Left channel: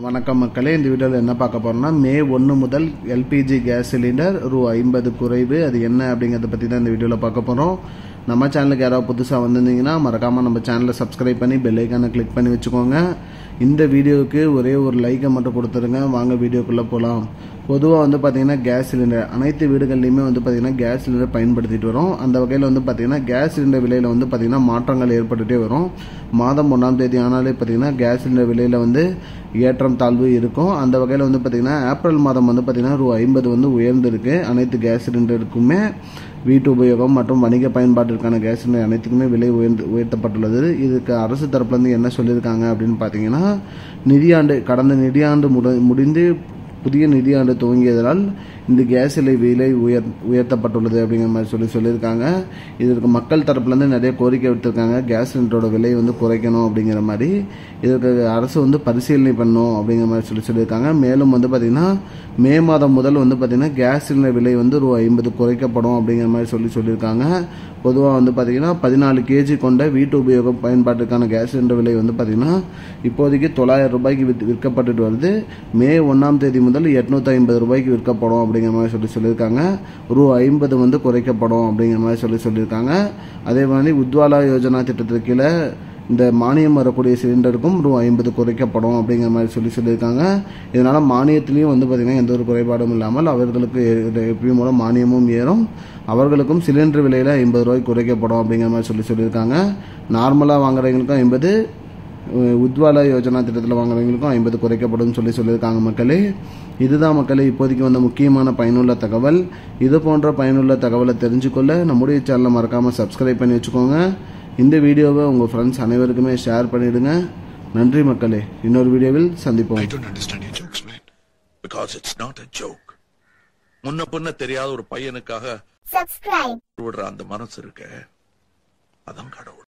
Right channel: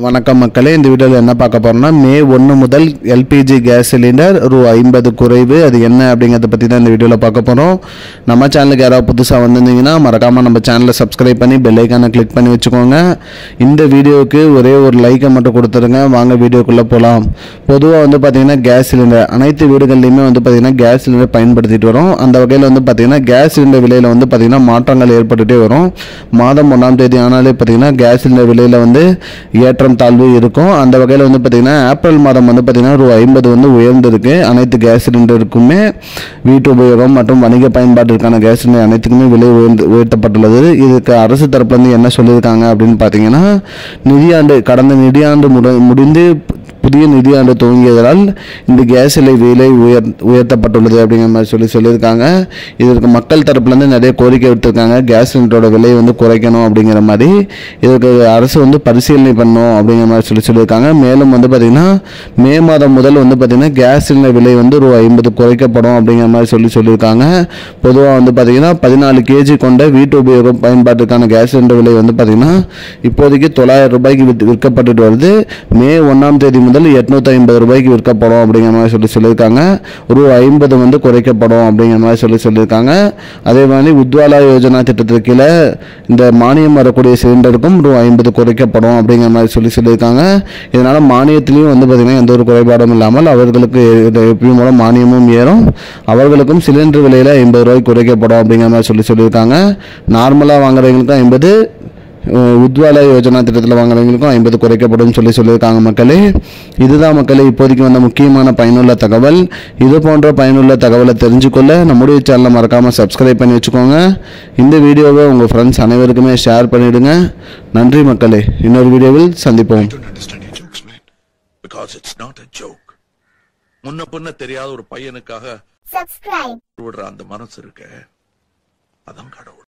வணக்கம் மக்களே, இந்த வீடியோவில் என்ன பார்க்க போகிறோம்னா மே 1 முதல் எல்பிஜி கேஸ் சிலிண்டர் ரூ 50 குறைவு. அது என்ன அப்படிங்கிறத பற்றி தான் இந்த வீடியோவில் பார்க்க போகிறோம். நம்ம சேனலுக்கு யாராவது புதுசாக வந்திருந்தீங்கன்னா மறக்காமல் நம்ம சேனலை சப்ஸ்கிரைப் பண்ணி பெல் ஐக்கானை கிளிக் பண்ணி வச்சுக்கோங்க. இந்த வீடியோவுக்கு ஒரே ஒரு லைக்கை மட்டும் கொடுத்துருங்க. வாங்க வீடியோக்குள்ளே போகலாம். பொதுவாக பார்த்திங்கன்னா கேஸ் சிலிண்டர் அனைத்து வீடுகள்லையுமே பார்த்திங்கன்னா கேஸ் சிலிண்டர் பயன்படுத்திட்டு வரும். அந்த வகையில் பார்த்திங்கன்னா கேஸ் சிலிண்டர் விலையில் பார்த்திங்கன்னா மாற்றங்கள் ஏற்பட்டுகிட்டே வரும். மாதம் 1ஆம் தேதி ஆனாலே பார்த்திங்கன்னா கேஸ் சிலிண்டர் விலையில் ஏற்றம் தாழ்வு இருக்கும். அந்த வகையில் பார்த்தீங்கன்னா ஏப்ரல் மாதம் பார்த்தீங்கன்னா ரூ 50 உயர்ந்திருக்கு. அனைத்து கேஸ் சிலிண்டருக்குமே வீட்டு உபயோகம் மற்றும் வணிக பயன்பாட்டிற்கான கேஸ் சிலிண்டர் அனைத்துக்குமே விலை உயர்த்தப்பட்டுள்ளது. இதுக்கு அரசு தரப்புலேருந்து என்ன சொல்லியிருக்காங்க அப்படின்னு பார்த்தீங்கன்னா, கடந்த நிதியாண்டு முடிந்து புதிய நிதியாண்டு துவங்கியதால் இந்த கேஸ் விலை உயர்த்தப்பட்டுள்ளது அப்படிங்கிற மாதிரி சொல்லியிருக்காங்க. இதற்கு மக்கள் தரப்புலேருந்து நிறைய கோரிக்கை விட்டுருக்காங்க. கேஸ் சிலிண்டரோட விலையை குறைக்கணும் அப்படிங்கிற மாதிரி. இதற்கு அரசு பரிசீலனை பண்ணணும் அப்படிங்கிற மாதிரி சொல்லியிருக்காங்க. மேலும் பார்த்திங்கன்னா மே மாதம் முதல் பார்த்திங்கன்னா கேஸ் சிலிண்டர் விலை ரூ 50 குறைக்கப்படும் அப்படிங்கிற மாதிரி சொல்லியிருக்காங்க. பொதுவாக பார்த்திங்கன்னா 14 கேஜி கொண்ட வீட்டு உபயோக பயன்பாட்டுக்கான கேஸ் சிலிண்டர் விலை பார்த்திங்கன்னா இப்போதைக்கு $900 விற்கப்பட்டு வருது. மே 1ஆம் தேதி முதல் 850 ரூபாய்க்கு விற்கப்படும் அப்படிங்கிற மாதிரி சொல்லியிருக்காங்க. ரூ 50 குறைக்கப்படும் அப்படிங்கிற மாதிரி சொல்லியிருக்காங்க. அதே மாதிரி உஜ்வாலா யோஜனா திட்டத்திற்கு கீழே இந்த மானியம் வரக்கூடிய சிலிண்டருக்கும் ரூ 50 குறைக்கப்படும் அப்படிங்கிற மாதிரி சொல்லியிருக்காங்க. இதனால் மானியத்திலையும் பார்த்திங்கன்னா எந்த ஒரு குறைபாடும் இல்லாமல் அவர்களுக்கு எப்பயும் மூலம் மானியமும் ஏறும். அவர்களுக்கும் சிலிண்டர் விலையில் 50 ரூபாய்க்கு குறைக்கப்படும் அப்படிங்கிற மாதிரி சொல்லியிருக்காங்க. நார்மலாக வாங்குறவங்களுக்கும் 50, உஜ்வாலா யோஜனா திட்டத்தில் வாங்குறவங்களுக்கும் 50 குறைக்கப்படும் சொல்லியிருக்காங்க. மக்களே, இதுதான் மக்களே இப்போதைக்கு முக்கியமான பயனுள்ள தகவல். இது போன்ற பயனுள்ள தகவலை தெரிஞ்சுக்கொள்ள நம்முடைய சேனலை மறக்காமல் சப்ஸ்கிரைப் பண்ணி வச்சுக்கோங்க. இந்த வீடியோவை உங்கள் ஃப்ரெண்ட்ஸ் அனைவருக்குமே ஷேர் பண்ணிவிடுங்க. நன்றி மக்களே, இன்னொரு வீடியோவில் சந்திப்போம். முன்ன பின்ன தெரியாத ஒரு பையனுக்காக விடுற அந்த மனசு இருக்க, அதான் கடவுள்.